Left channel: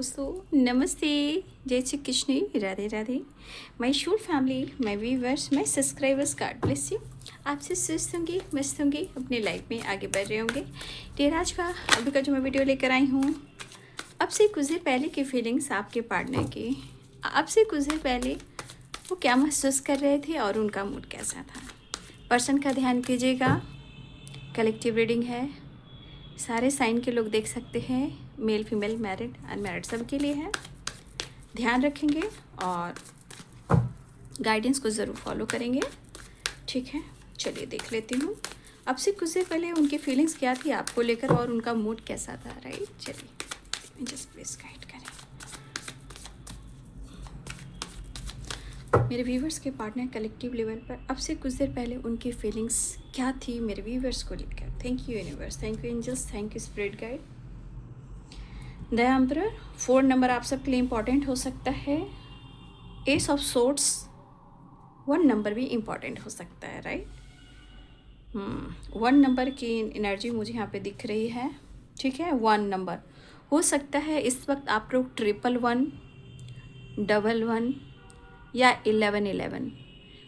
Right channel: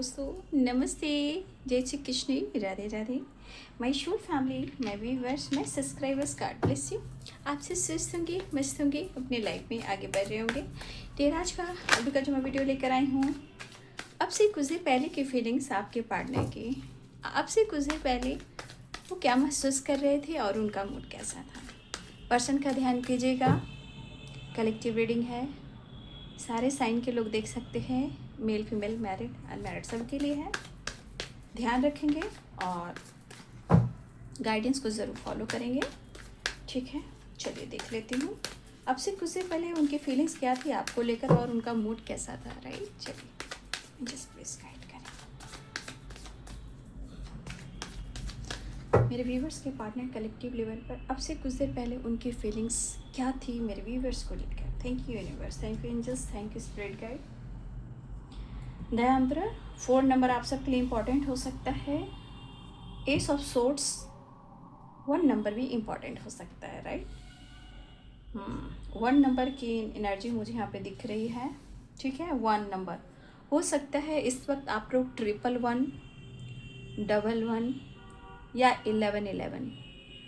दोस्तों, नमस्ते, जय Shri Krishna, Radhe Radhe. My shoot family, my viewers, my subscribers, God bless you. आपसे स्वस्थ होंगे, मस्त होंगे, अपने लाइफ में आगे बढ़ रहे होंगे। देर आज का अभी का जो मैं वीडियो लेकर आई हूँ, अब से कुछ देर पहले की फीलिंग्स आपके पार्टनर की। अब से कुछ देर पहले वो क्या महसूस कर रहे थे और उनका मूड कैसा था। पर्सन का ध्यान कीजिएगा, कलेक्टिव रीडिंग है, सारे साइन के लोग देख सकते हैं, मेल फीमेल मैरिड अनमैरिड सब के लिए है। ध्यान रखेंगे और गाइडेंस को ज़रूर फॉलो करेंगे, ठीक है। चलिए देख लेती हूँ अब से कुछ देर पहले उनकी फीलिंग्स क्या थी आपको लेकर और उनका मूड कैसा था, राइट। चलिए जस्ट प्लीज गाइड करें। मेरे व्यूवर्स के पार्टनर कलेक्टिव लेवल पर अब से कुछ देर पहले उनकी फीलिंग्स क्या थी मेरे व्यूवर्स को लेकर। Thank you universe, thank you angels, thank you spirit guide. The emperor 4 number आप सबके लिए इम्पॉर्टेंट हो सकता है। एस ऑफ सोर्ट्स 1 नंबर भी इम्पॉर्टेंट हो सकता है, राइट। 1 नंबर की एनर्जी मुझे यहाँ पे दिख रही है, ठीक है। 1 नंबर हो सकता है इस वक्त आप लोग 111, 11 या 11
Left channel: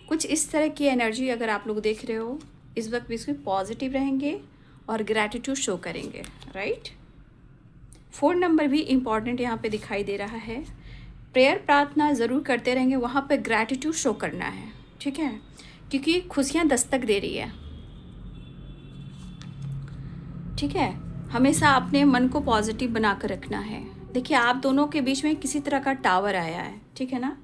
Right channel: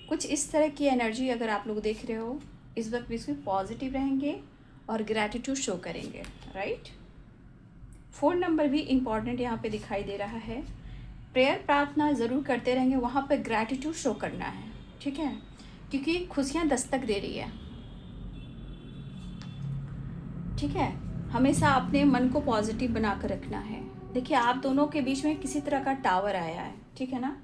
कुछ इस तरह की एनर्जी अगर आप लोग देख रहे हो इस वक्त भी इसमें पॉजिटिव रहेंगे और ग्रैटिट्यूड शो करेंगे, राइट। 4 नंबर भी इम्पॉर्टेंट यहाँ पे दिखाई दे रहा है। प्रेयर प्रार्थना ज़रूर करते रहेंगे, वहाँ पे ग्रैटिट्यूड शो करना है, ठीक है, क्योंकि खुशियाँ दस्तक दे रही है, ठीक है। हमेशा अपने मन को पॉजिटिव बना कर रखना है। देखिए आप दोनों के बीच में किसी तरह का टावर आया है, ठीक है ना।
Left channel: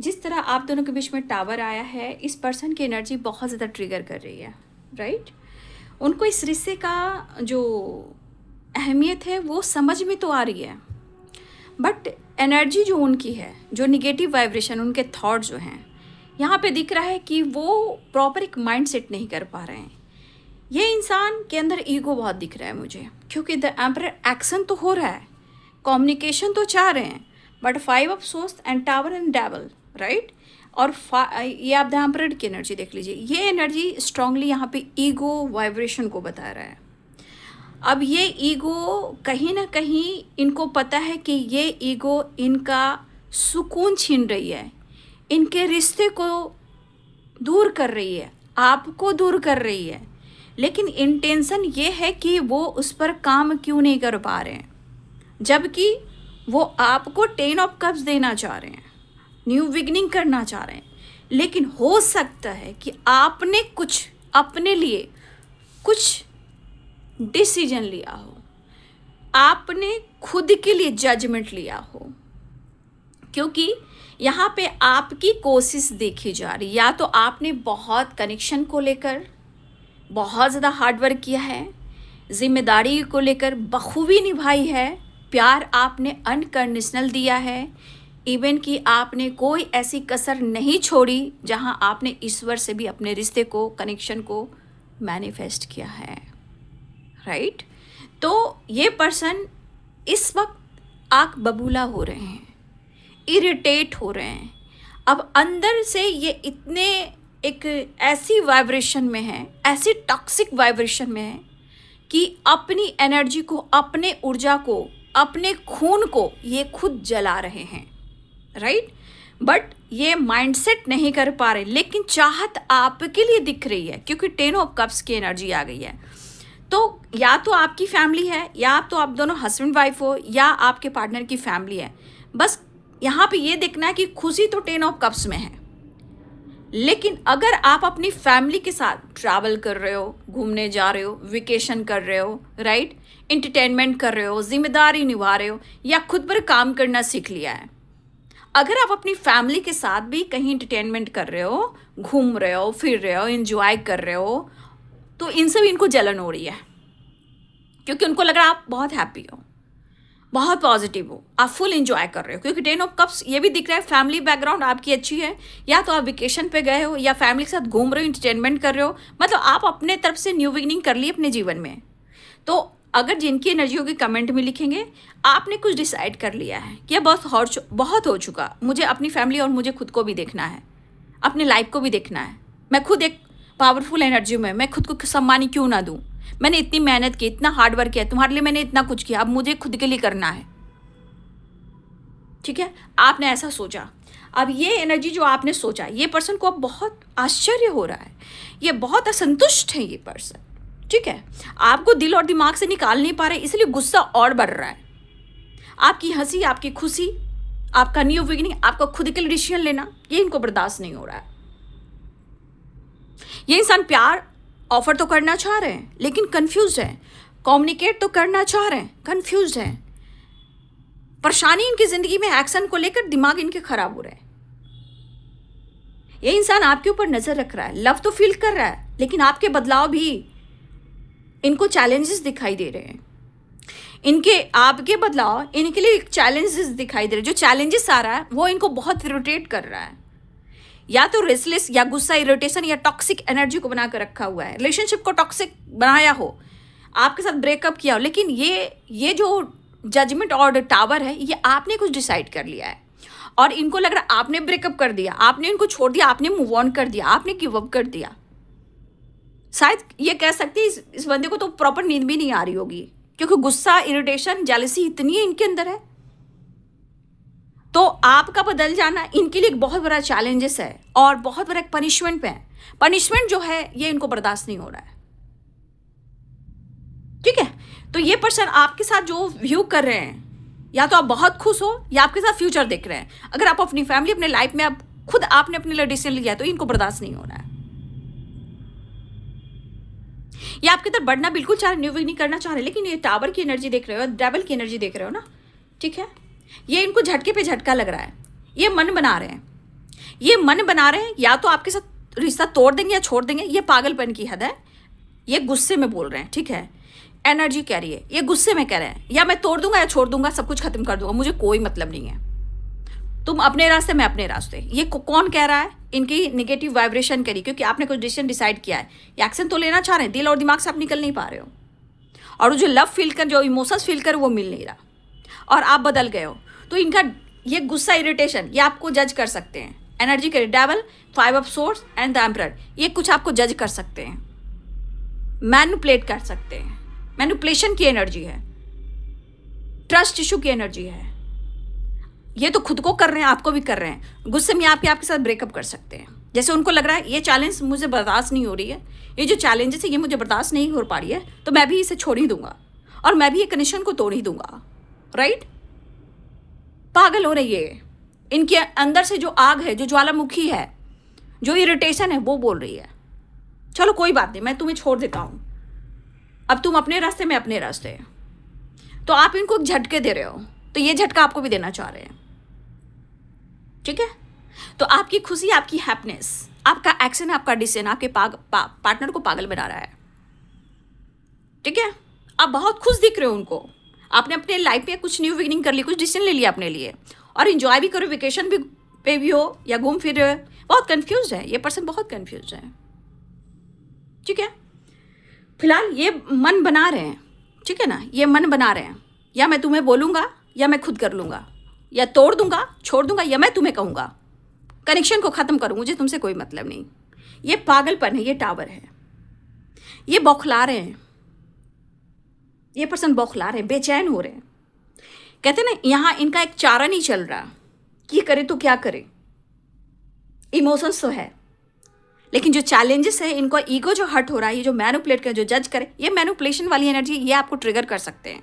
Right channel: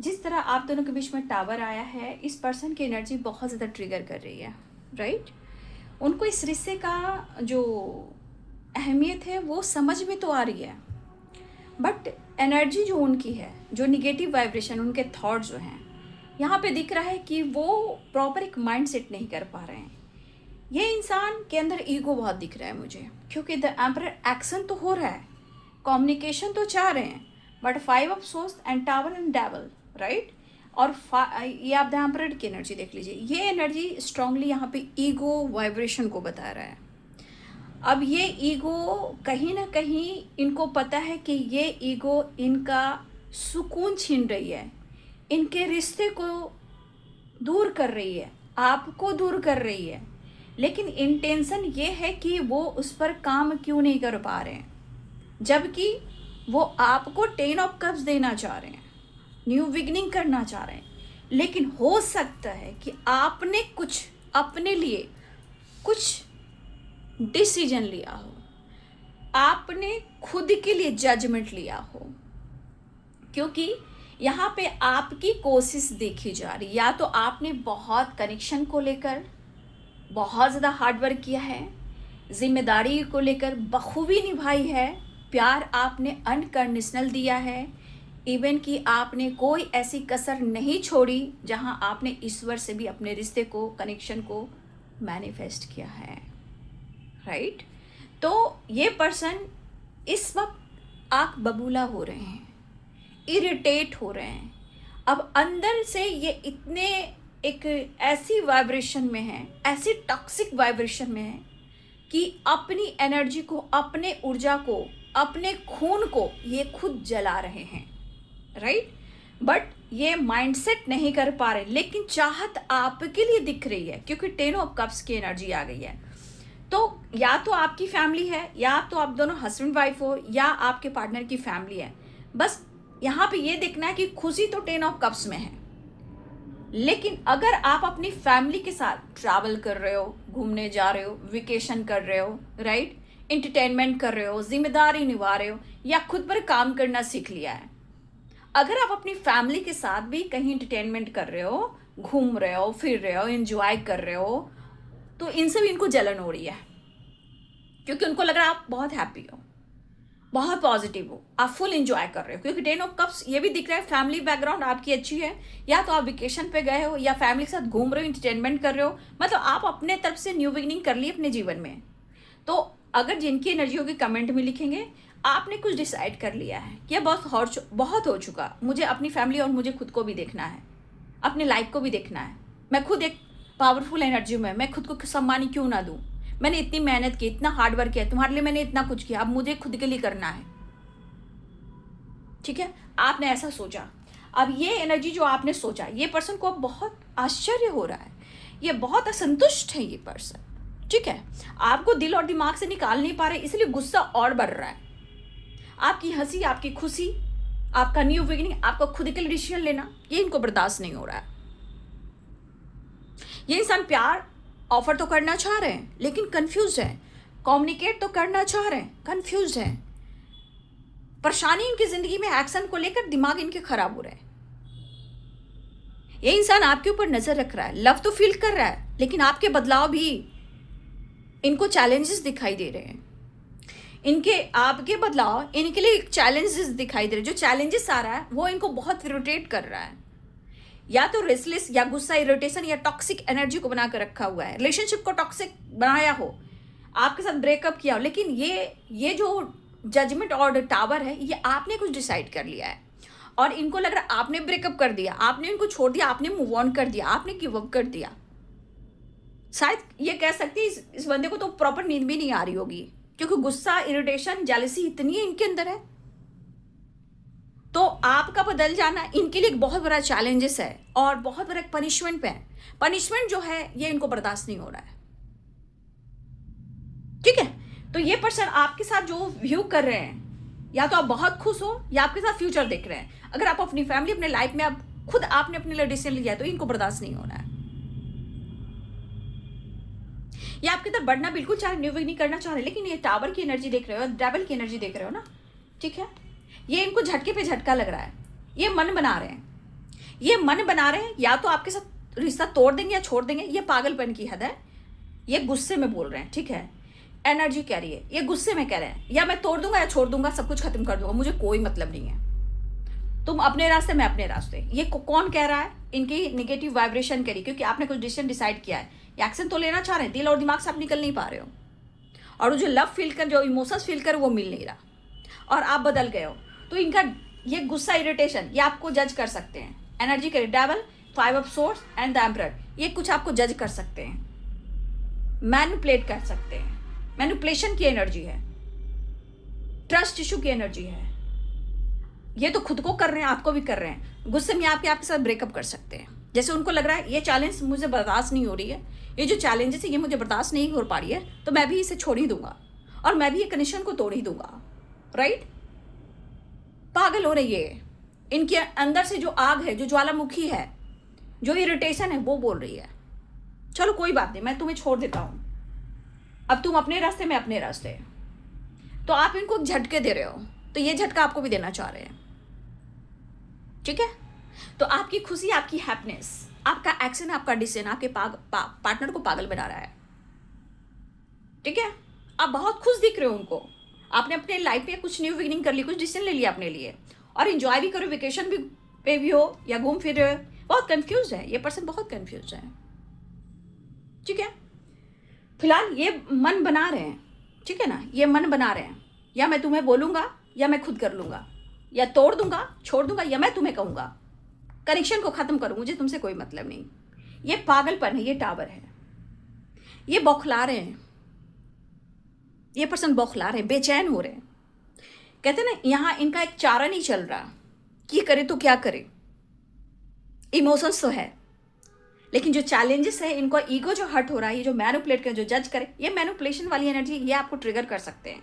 जिस तरह आप दोनों के बीच में टावर आया है, इस पर्सन की एनर्जी बहुत ज़्यादा ट्रिगर कर रही है, राइट। उनको इस रिश्ते का जो अहमियत है वो समझ में तो आ रही है, बट एनर्जी जो उनकी है, जो निगेटिव वाइब्रेशन, उनके थॉट जो हैं, यहाँ पे दिख रहा है कि वो प्रॉपर एक माइंड सेट नहीं कर पा रहे हैं। ये इंसान के अंदर ईगो बहुत दिख रहा है मुझे, क्योंकि द एम्परर एक्शन तो हो रहा है, कम्युनिकेशन तो चाह रहे हैं, but 5 of source and tower and devil, right. और ये आप द एम्परर की एनर्जी देख लीजिए, ये एनर्जी स्ट्रांगली यहाँ पे ईगो वाइब्रेशन को बता रहा है। अब ये ईगो कहीं ना कहीं इनको पता है कि ये ईगो इनका सुकून छीन रही है, इनके रिश्ते को दूर कर रही है, आपको दूर कर रही है, लेकिन इंटेंशन ये है कि वो उस पर काम क्यों नहीं कर पा रहे हैं, जबकि वो आपको 10 ऑफ कप्स देना चाह रहे हैं, न्यू बिगनिंग करना चाह रहे हैं। लेकिन हो सकता है कि आपने कुछ अपने लिए कुछ डिसीजन लिया हो, आपने खुद के लिए जजमेंट लिया हो, क्योंकि यहाँ पे आपकी कोशिश देखी जा रही। या तो आपने बहुत कनेक्शन को लेकर बहुत ज़्यादा हार्डवर्क किया है, जिम्मेदारी को लेकर बखूबी निभाई है, प्यार आपने अनकंडीशनल दिया है, इवन कि आपने कोई ऐसी कसर नहीं छोड़ी जहाँ आपने ईश्वर से भी अपने रिश्ते को, कनेक्शन को मैनिफेस्ट किया है, राइट। तो ये पर्सन इस वक्त आग बबूला हो रहे हैं, इरिटेट हो रहे हैं। अब अंदर से ये इतने एक ऐसी वाइब्रेशन में है, ऐसी टॉक्सिक वाइब्रेशन में है कि अपनी एनर्जी को, अपने ऊर्जा को, अपने खून को ये खुद जला रहे हैं, राइट। बट ये माइंडसेट नहीं कर पा रहे, लेकिन चाहत आपके लिए दिख रही है, क्योंकि 10 ऑफ कप्स की एनर्जी आ गई है। तो या तो आपकी फैमिली है, या तो आप दोनों हस्बैंड वाइफ हो, या आपके पार्टनर की फैमिली है। बस यहाँ पे ये देखना है कि खुशी तो 10 ऑफ कप्स में है, लेकिन अगर आप अपनी फैमिली के साथ ट्रैवल कर रहे हो, घूमने जा रहे हो, वेकेशन कर रहे हो, राइट, एंटरटेनमेंट कर रहे हो, जिम्मेदारी निभा रहे हो, या खुद पर काम करना सीख लिया है, अगर आप अपनी फैमिली के साथ भी कहीं एंटरटेनमेंट कर रहे हो, घूम रहे हो, फिर रहे हो, एंजॉय कर रहे हो, तो इनसे भी इनको जलन हो रही है, क्योंकि उनको लग रहा है आप बहुत हैप्पी हो, बहुत पॉजिटिव हो, आप फुल एंजॉय कर रहे हो, क्योंकि 10 ऑफ कप्स ये भी दिख रहा है फैमिली बैकग्राउंड आपकी अच्छी है, या तो आप वेकेशन पे गए हो, या फैमिली के साथ घूम रहे हो, एंटरटेनमेंट कर रहे हो, मतलब आप अपने तरफ से न्यू बिगिनिंग कर ली अपने जीवन में। तो अगर जिनकी एनर्जी होगी कमेंट में लिखेंगे, आपने कुछ डिसाइड कर लिया है कि बहुत हो चुका, मुझे अपनी फैमिली और मुझे खुद को भी देखना है, अपनी लाइफ को भी देखना है, मैं खुद एक पावरफुल एनर्जी में, मैं खुद को सम्मान क्यों ना दूं, मैंने इतनी मेहनत की, इतना हार्ड वर्क किया तुम्हारे लिए, मैंने इतना कुछ किया, अब मुझे खुद के लिए करना है। ठीक है, आपने ऐसा सोचा। अब ये एनर्जी जो आपने सोचा, ये पर्सन को अब बहुत आश्चर्य हो रहा है, ये बहुत असंतुष्ट है ये पर्सन, ठीक है, आपको दिल और दिमाग से निकाल नहीं पा रहे, इसलिए गुस्सा और बढ़ रहा है। आपकी हंसी, आपकी खुशी, आपका न्यू बिगिनिंग, आपका खुद के लिए डिसीजन लेना, ये इनको बर्दाश्त नहीं हो रहा है। ये इंसान प्यार ऑफर तो करना चाह रहे हैं लेकिन कंफ्यूज है, कम्युनिकेट तो करना चाह रहे हैं, कंफ्यूज है, परेशानी इनकी जिंदगी में एक्शन को लेकर दिमाग इनके खराब हो रहा है। ये इंसान आपके ऊपर नजर रख रहा है, लव तो फील कर रहा है, लेकिन आपके बदलाव भी इनको चैलेंजेस दिखाई दे रहे हैं। इनके आपके बदलाव इनके लिए चैलेंजेस दिखाई दे रहे हैं। जो चैलेंजेस आ रहा है वो इनको बहुत इरिटेट कर रहा है, या तो रेस्टलेस या गुस्सा, इरिटेशन या टॉक्सिक एनर्जी को बना कर रखा हुआ है, रिलेशनशिप को टॉक्सिक बनाया हो, आपके साथ ब्रेकअप किया हो। लेकिन ये जो जजमेंट और टावर है, ये आपने कुछ डिसाइड कर लिया है और इनको लग रहा है आपने ब्रेकअप कर दिया, आपने इनको छोड़ दिया, आपने मूव ऑन कर दिया, आपने गिव अप कर दिया। शायद ये कह सकते हैं इस बंदे को तो प्रॉपर नींद भी नहीं आ रही होगी, क्योंकि गुस्सा, इरिटेशन, जेलसी इतनी है इनके अंदर है। तो आपका बदल जाना इनके लिए एक बहुत बड़ा चैलेंजेस है और बहुत बड़ा पनिशमेंट पे है। पनिशमेंट जो है ये इनको बर्दाश्त नहीं हो रहा है, ठीक है। तो ये पर्सन आपके साथ जो व्यू कर रहे हैं, या तो आप बहुत खुश हो या आपके साथ फ्यूचर देख रहे हैं। अगर आप अपनी फैमिली, अपने लाइफ में आप खुद आपने अपने लिए डिसीजन लिया है तो इनको बर्दाश्त नहीं हो रहा है। ये आपकी तरफ बढ़ना बिल्कुल चाह रहे, न्यू बिगिनिंग करना चाह रहे, लेकिन ये टावर की एनर्जी देख रहे हो, डेविल की एनर्जी देख रहे हो ना, ठीक है। ये इनको झटके पे झटका लग रहा है, ये मन बना रहे हैं, ये मन बना रहे हैं, या तो आपके साथ रिश्ता तोड़ देंगे या छोड़ देंगे। ये पागलपन की हद है, ये गुस्से में बोल रहे हैं, ठीक है। एनर्जी कह रही है, ये गुस्से में कह रहे हैं, या मैं तोड़ दूंगा या छोड़ दूंगा, सब कुछ खत्म कर दूंगा, मुझे कोई मतलब नहीं है, तुम अपने रास्ते, मैं अपने रास्ते। ये कौन कह रहा है? इनकी निगेटिव वाइब्रेशन करी, क्योंकि आपने कुछ डिसीजन डिसाइड किया है, ये एक्शन तो लेना चाह रहे हैं, दिल और दिमाग से आप निकल नहीं पा रहे हो, और वो जो लव फील कर, जो इमोशंस फील कर, वो मिल नहीं रहा, और आप बदल गए हो। तो इनका ये गुस्सा, इरिटेशन, ये आपको जज कर सकते हैं। एनर्जी करी, devil, 5 of swords and the emperor, ये कुछ आपको जज कर सकते हैं, मैनिपुलेट कर सकते हैं। मैनिपुलेशन की एनर्जी है, ट्रस्ट इशू की एनर्जी है। ये तो खुद को कर रहे हैं, आपको भी कर रहे हैं। गुस्से में आपके साथ ब्रेकअप कर सकते हैं, जैसे उनको लग रहा है ये चैलेंज मुझे बर्दाश्त नहीं हो रही है, ये जो चैलेंजेस है ये मुझे बर्दाश्त नहीं हो पा रही है, तो मैं भी इसे छोड़ ही दूंगा और मैं भी ये कनेक्शन को तोड़ ही दूंगा, राइट। पागल हो रही है, इनके अंदर से जो आग है, जो ज्वालामुखी है, जो इरिटेशन है, वो बोल रही है चलो कोई बात नहीं, मैं तुम्हें छोड़ देता हूं, अब तुम अपने रास्ते, मैं अपने रास्ते। तो आप इनको झटके दे रहे हो, तो ये झटका आपको भी देना चाह रहे हैं, ठीक है। तो आपकी खुशी, आपकी हैप्पीनेस, आपका एक्शन, आपका डिसीजन आपके पार्टनर को पागल बना रहा है, ठीक है। आप बहुत खुश दिख रहे हो उनको, आपने अपने लाइफ में कुछ न्यू बिगिनिंग कर ली, कुछ डिसीजन ले लिया अपने लिए, और इंजॉय भी करो, वेकेशन भी पे भी हो या घूम फिर रहे हो। बहुत कंफ्यूज है ये पर्सन, बहुत कंफ्यूज है, ठीक है। फिलहाल ये मन बना रहे हैं, ठीक है ना, ये मन बना रहे हैं, या मैं तुम्हें बोलूंगा या मैं खुद कर लूंगा, या तोड़ दूंगा, छोड़ दूंगा, या मैं तुम्हें कहूंगा, कनेक्शन को खत्म करूं, मुझे तुमसे कोई मतलब नहीं। ये पागलपन है, ये टावर है, ये बौखला रहे हैं, ये पर्सन बौखला रहे हैं, बेचैन हो रहे हैं। कहते ना, यहां इनका एक चारा नहीं चल रहा कि करे तो क्या करे। इमोशंस तो है, लेकिन जो चैलेंजेस है, इनको ईगो जो हर्ट हो रहा है, ये जो मैनिपुलेट करे, जो जज करे, ये मैनिपुलेशन वाली एनर्जी, ये आपको ट्रिगर कर सकते हैं।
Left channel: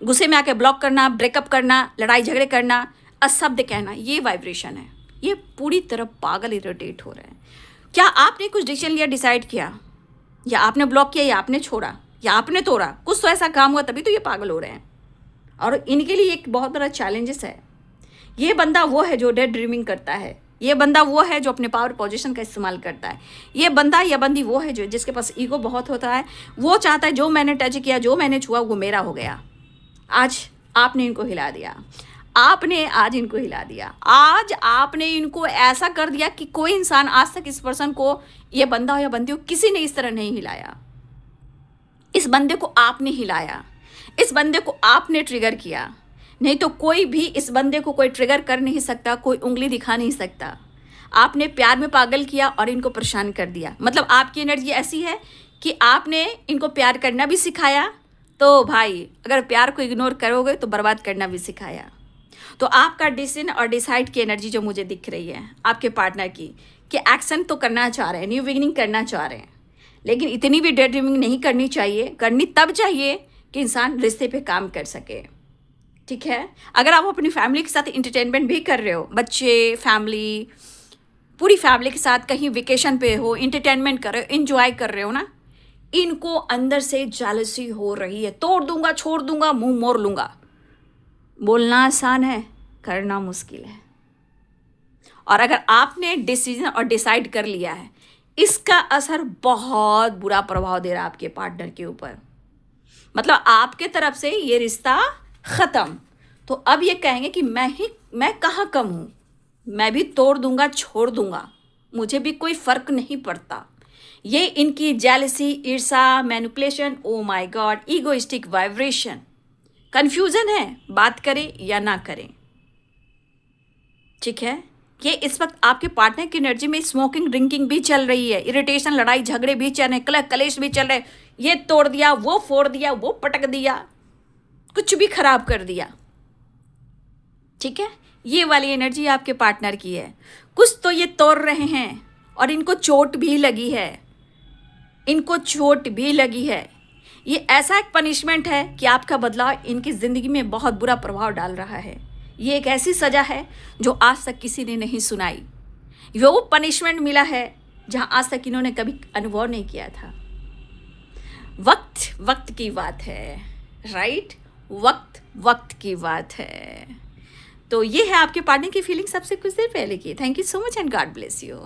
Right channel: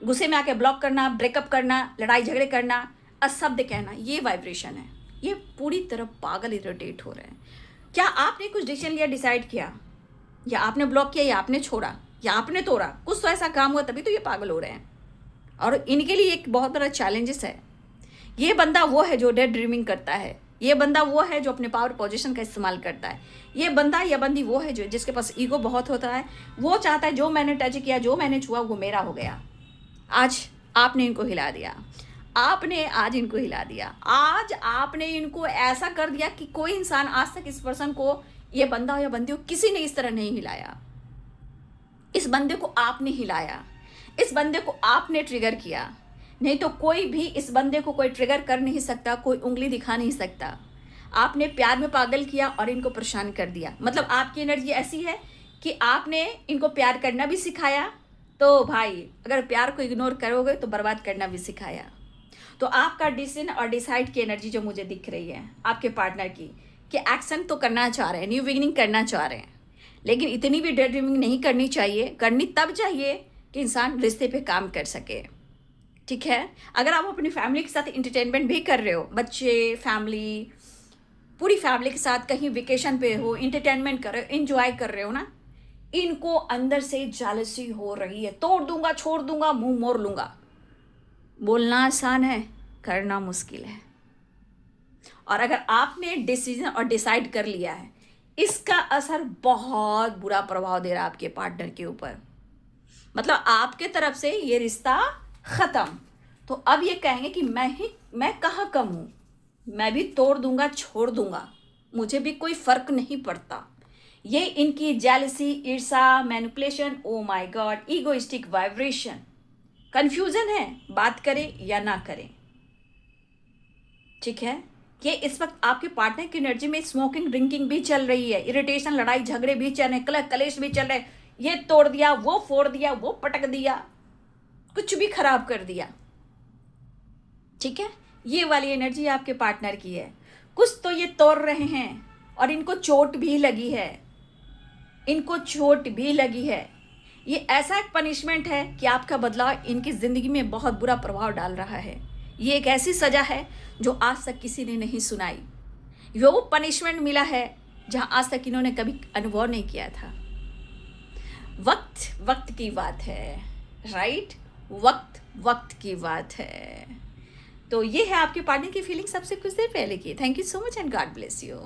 गुस्से में आके ब्लॉक करना, ब्रेकअप करना, लड़ाई झगड़े करना, अशब्द कहना, ये वाइब्रेशन है। ये पूरी तरह पागल, इरिटेट हो रहे हैं। क्या आपने कुछ डिसीजन लिया, डिसाइड किया, या आपने ब्लॉक किया, या आपने छोड़ा, या आपने तोड़ा, कुछ तो ऐसा काम हुआ, तभी तो ये पागल हो रहे हैं। और इनके लिए एक बहुत बड़ा चैलेंजेस है। ये बंदा वो है जो डे ड्रीमिंग करता है, ये बंदा वो है जो अपने पावर पोजीशन का इस्तेमाल करता है, ये बंदा या बंदी वो है जो जिसके पास ईगो बहुत होता है। वो चाहता है जो मैंने टच किया, जो मैंने छुआ, वो मेरा हो गया। आज आपने इनको हिला दिया, आपने आज इनको हिला दिया, आज आपने इनको ऐसा कर दिया कि कोई इंसान आज तक इस पर्सन को, ये बंदा हो या बंदी हो, किसी ने इस तरह नहीं हिलाया। इस बंदे को आपने हिलाया, इस बंदे को आपने ट्रिगर किया, नहीं तो कोई भी इस बंदे को कोई ट्रिगर कर नहीं सकता, कोई उंगली दिखा नहीं सकता। आपने प्यार में पागल किया और इनको परेशान कर दिया। मतलब आपकी एनर्जी ऐसी है कि आपने इनको प्यार करना भी सिखाया, तो भाई अगर प्यार को इग्नोर करोगे तो बर्बाद करना भी सिखाया। तो आपका डिसीजन और डिसाइड की एनर्जी जो मुझे दिख रही है आपके पार्टनर की, कि एक्शन तो करना चाह रहे हैं, न्यू बिगिनिंग करना चाह रहे हैं, लेकिन इतनी भी डे ड्रीमिंग नहीं करनी चाहिए। करनी तब चाहिए कि इंसान रिश्ते पे काम कर सके, ठीक है। अगर आप अपनी फैमिली के साथ इंटरटेनमेंट भी कर रहे हो, बच्चे, फैमिली, पूरी फैमिली के साथ कहीं वेकेशन पे हो, इंटरटेनमेंट कर रहे हो, इंजॉय कर रहे हो ना, इनको अंदर से जेलसी हो रही है, तोड़ दूंगा, छोड़ दूंगा, मुंह मोड़ लूंगा। बोलना आसान है, करना मुश्किल है। और अगर आपने डिसीजन और डिसाइड कर लिया है, इसका असर बहुत बुरा प्रभाव दे रहा है आपके पार्टनर के ऊपर। मतलब आपके तरफ से ये रिश्ता खत्म। तो अब ये कहेंगे कि मैं कहाँ कम हूँ, मैं भी तोड़ दूंगा, छोड़ दूंगा, मुझे भी कोई फर्क नहीं पड़ता। ये इनकी जेलसी, ईर्षा, manipulation, oh my God, egoistic vibration, confusion है, बात करें या ना करें, ठीक है। ये इस वक्त आपके पार्टनर की एनर्जी में स्मोकिंग, ड्रिंकिंग भी चल रही है, इरिटेशन, लड़ाई झगड़े भी चल रहे, कलह कलेश भी चल रहे, ये तोड़ दिया, वो फोड़ दिया, वो पटक दिया, कुछ भी खराब कर दिया, ठीक है। ये वाली एनर्जी आपके पार्टनर की है। कुछ तो ये तोड़ रहे हैं और इनको चोट भी लगी है, इनको चोट भी लगी है। ये ऐसा एक पनिशमेंट है कि आपका बदलाव इनकी ज़िंदगी में बहुत बुरा प्रभाव डाल रहा है। ये एक ऐसी सज़ा है जो आज तक किसी ने नहीं सुनाई। वो पनिशमेंट मिला है जहां आज तक इन्होंने कभी अनुभव नहीं किया था। वक्त की बात है, राइट। वक्त की बात है। तो ये है आपके पार्टनर की फीलिंग सबसे कुछ देर पहले की। Thank you so much and God bless you.